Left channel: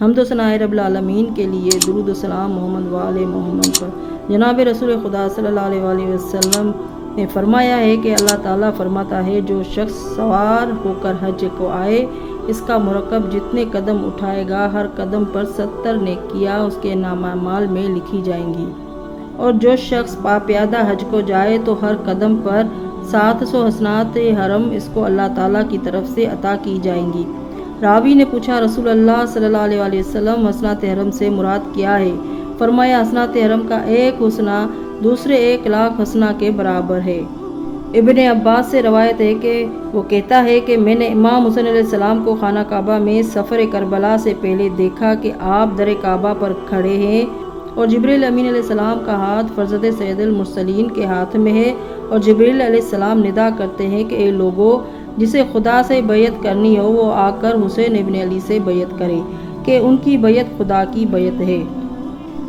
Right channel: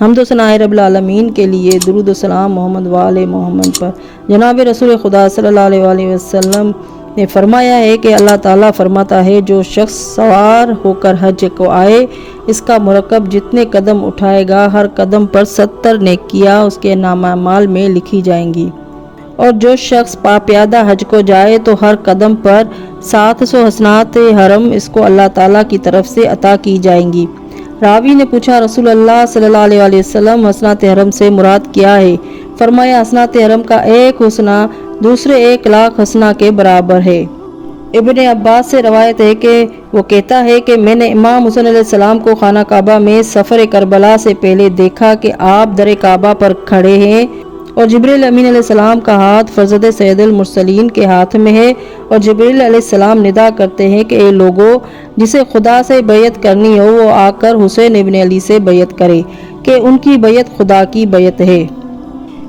حمد و ثنا رب العالمین کے لیے، درود و سلام محمد وآل محمد پر۔ جناب رسول خدا صلی اللہ علیہ وآلہ وسلم نے فرمایا ہے کہ اللہ تعالیٰ فرماتا ہے جو شخص سوار ہو کر حج کو آئے، اس کا مرکب جتنے قدم اٹھائے گا ہر قدم پر 70 نیکیاں اس کے نامہ اعمال میں لکھی جائیں گی، اور جو شخص پیادہ حج کو جائے تو ہر قدم پر 700 حسنات حرم اس کو اللہ تعالیٰ کی طرف سے عطا کی جائیں گی۔ راوی نے پوچھا رسول اللہ صلی اللہ علیہ وآلہ وسلم حسنات حرم سے مراد کیا ہے؟ فرمایا حسنات حرم کا ایک حسنہ دوسرے 1,00,000 حسنہ کے برابر ہے۔ ابن عباس سے روایت ہے کہ وہ کہتا ہے کہ میں نے امام حسین علیہ السلام کو خانہ کعبہ میں سفر کربلا سے پہلے دیکھا کہ آپ در کعبہ پر کھڑے ہیں اور جبریل امین علیہ السلام کا ہاتھ فرزند سید المرسلین کے ہاتھ میں ہے، اور جبریل علیہ السلام ندا کرتے ہیں کہ اے لوگو، جسے خدا سے بیعت کرنی ہو وہ آ کر حسین ابن علی سے بیعت کرے کہ ان کی بیعت خدا کی بیعت ہے۔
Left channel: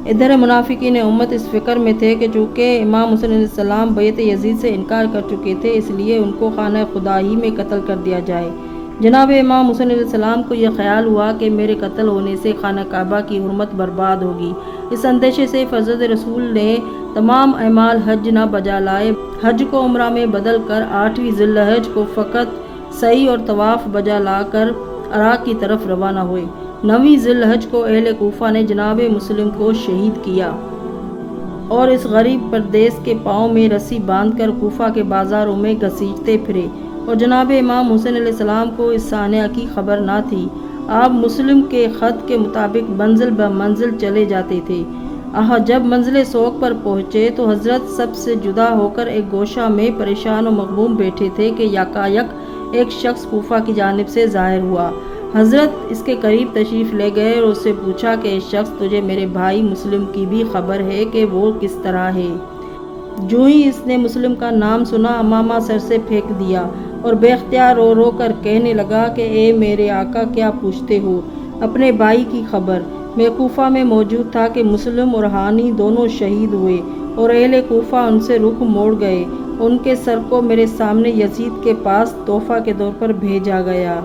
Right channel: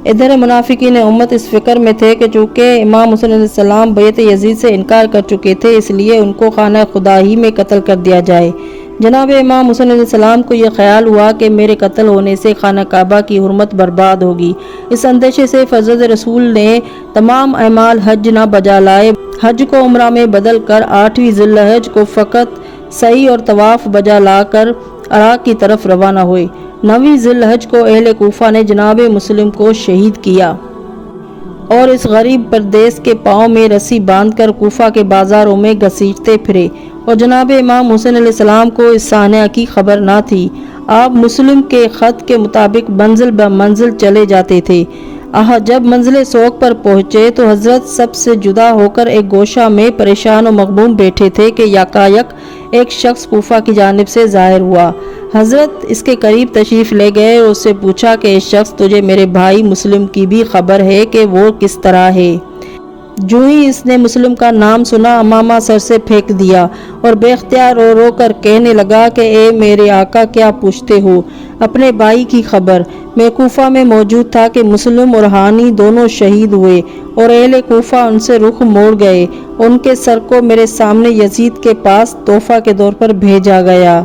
ادھر منافقین امت اس فکر میں تھے کہ چونکہ امام حسین علیہ السلام بیعت یزید سے انکار کر چکے تھے، اس لیے ان کو خانہ خدا ہی میں قتل کر دیا جائے۔ جناب امام حسین علیہ السلام کو یہ خیال ہوا کہ میرے قتل ہونے سے خانہ کعبہ کی حرمت برباد ہوگی۔ اس اندیشے سے فرزند رسول نے تمام اعمال حج نہ بجا لائے، حج کو عمرہ میں بدل کر 8ویں ذی الحج کو فقط سعی اور طواف بجا لا کر عراق کی طرف روانہ ہوئے۔ 9ویں ذی الحج کو اہل کوفہ نے جناب مسلم کو شہید کیا اور اس غریب پردیس کے پاؤں میں رسی باندھ کر کوفہ کے بازاروں میں گھسیٹتے پھرے، اور جناب امام حسین علیہ السلام کو اس سانحہ کی خبر نہ تھی۔ آپ مسلم کے خط کے مطابق منزل بہ منزل چلے جاتے تھے۔ جب منزل سوگ پر پہنچے تو حضرت سب سے جدا ہو کر ایک گوشہ میں پریشان و مغموم بیٹھے تھے کہ یکایک ایک شخص کوفہ کی جانب سے ظاہر ہوا۔ حضرت اس کے قریب تشریف لے گئے اور اس سے پوچھا کہ اے شخص، تجھے میرے بھائی مسلم کی بھی خبر ہے کہ وہ کس طرح ہے؟ جو ہی اس نے مسلم کا نام سنا امامہ سر سے پھینک دیا اور بے اختیار رو رو کر کہنے لگا کہ اے میرے آقا، کیا پوچھتے ہو؟ اپنے بھائی کی خبر۔ میں کوفہ میں موجود تھا کہ مسلم اور ہانی دونوں شہید ہوئے اور اہل کوفہ ان سے رخ موڑ گئے، ان کے سر کو میرے سامنے یزید کے پاس تحفہ کے طور پر بھیجا گیا۔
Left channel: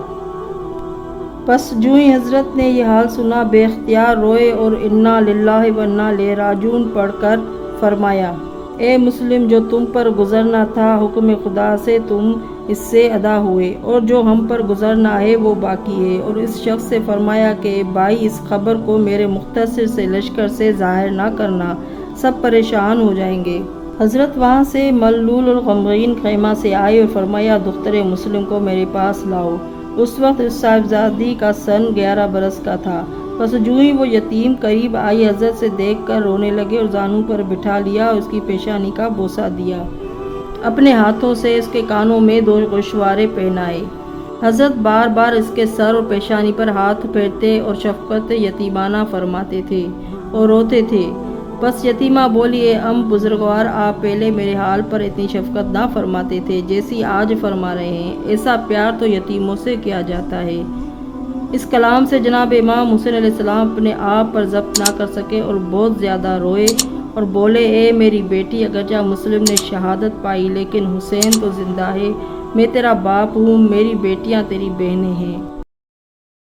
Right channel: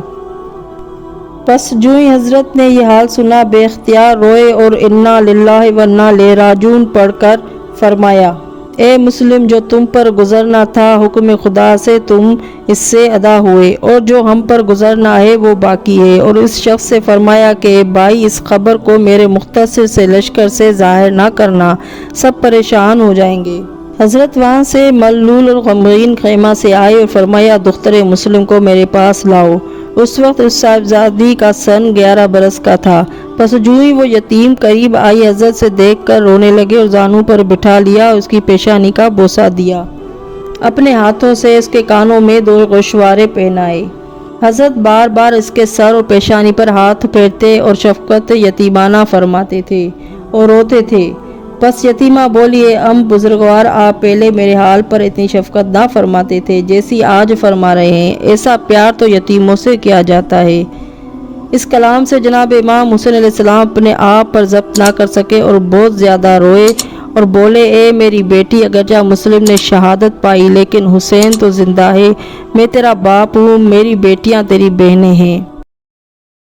پس جو ہی حضرت نے یہ حال سنا بے اختیار روئے اور انا للہ و انا الیہ راجعون پڑھ کر فرمایا، اے مسلم، جو تم پر گزرنا تھا حکم خدا سے تم اس سے ادا ہوئے، اور جو ہم پر گزرنا ہے وہ باقی ہے۔ اور اس شخص سے فرمایا کہ بھائی، اس خبر کو میرے مختصر سے لشکر سے ظاہر نہ کرنا، سب پریشان ہو جائیں گے۔ حضرت وہاں سے ملول اور غمگین خیمہ سے آئے اور فرمایا، دختر مسلم کو میرے پاس لاؤ۔ اس وقت اس صاحبزادی کا سن 11 برس کا تھا۔ پس جو ہی وہ یتیم قریب آئی، حضرت سے دیکھ کر رونے لگے اور زانوں پر بٹھا لیا، اس کی پیشانی کا بوسہ دیا، اپنے ہاتھوں سے اس کے کانوں میں 2 گوشوارے پہنائے۔ حضرت بار بار اس کے سر اور پیشانی پر ہاتھ پھیرتے اور شفقت یتیمانہ فرماتے تھے اور روتے تھے۔ بس یتیمہ بولی، اے بزرگوار، آپ پہلے میرے حال پر اتنی شفقت نہ فرماتے تھے جیسی آج فرما رہے ہیں، ایسا پیار تو یتیموں سے کیا جاتا ہے۔ اس کلام سے جناب امام حسین علیہ السلام اپنے آپ پر ضبط نہ کر سکے اور بہت زیادہ روئے اور بولے، اے میری بیٹی، اگرچہ مسلم نے شہادت پائی لیکن حسین تو زندہ ہے، میں تیرا باپ ہوں، میری بیٹیاں تیری بہنیں ہیں۔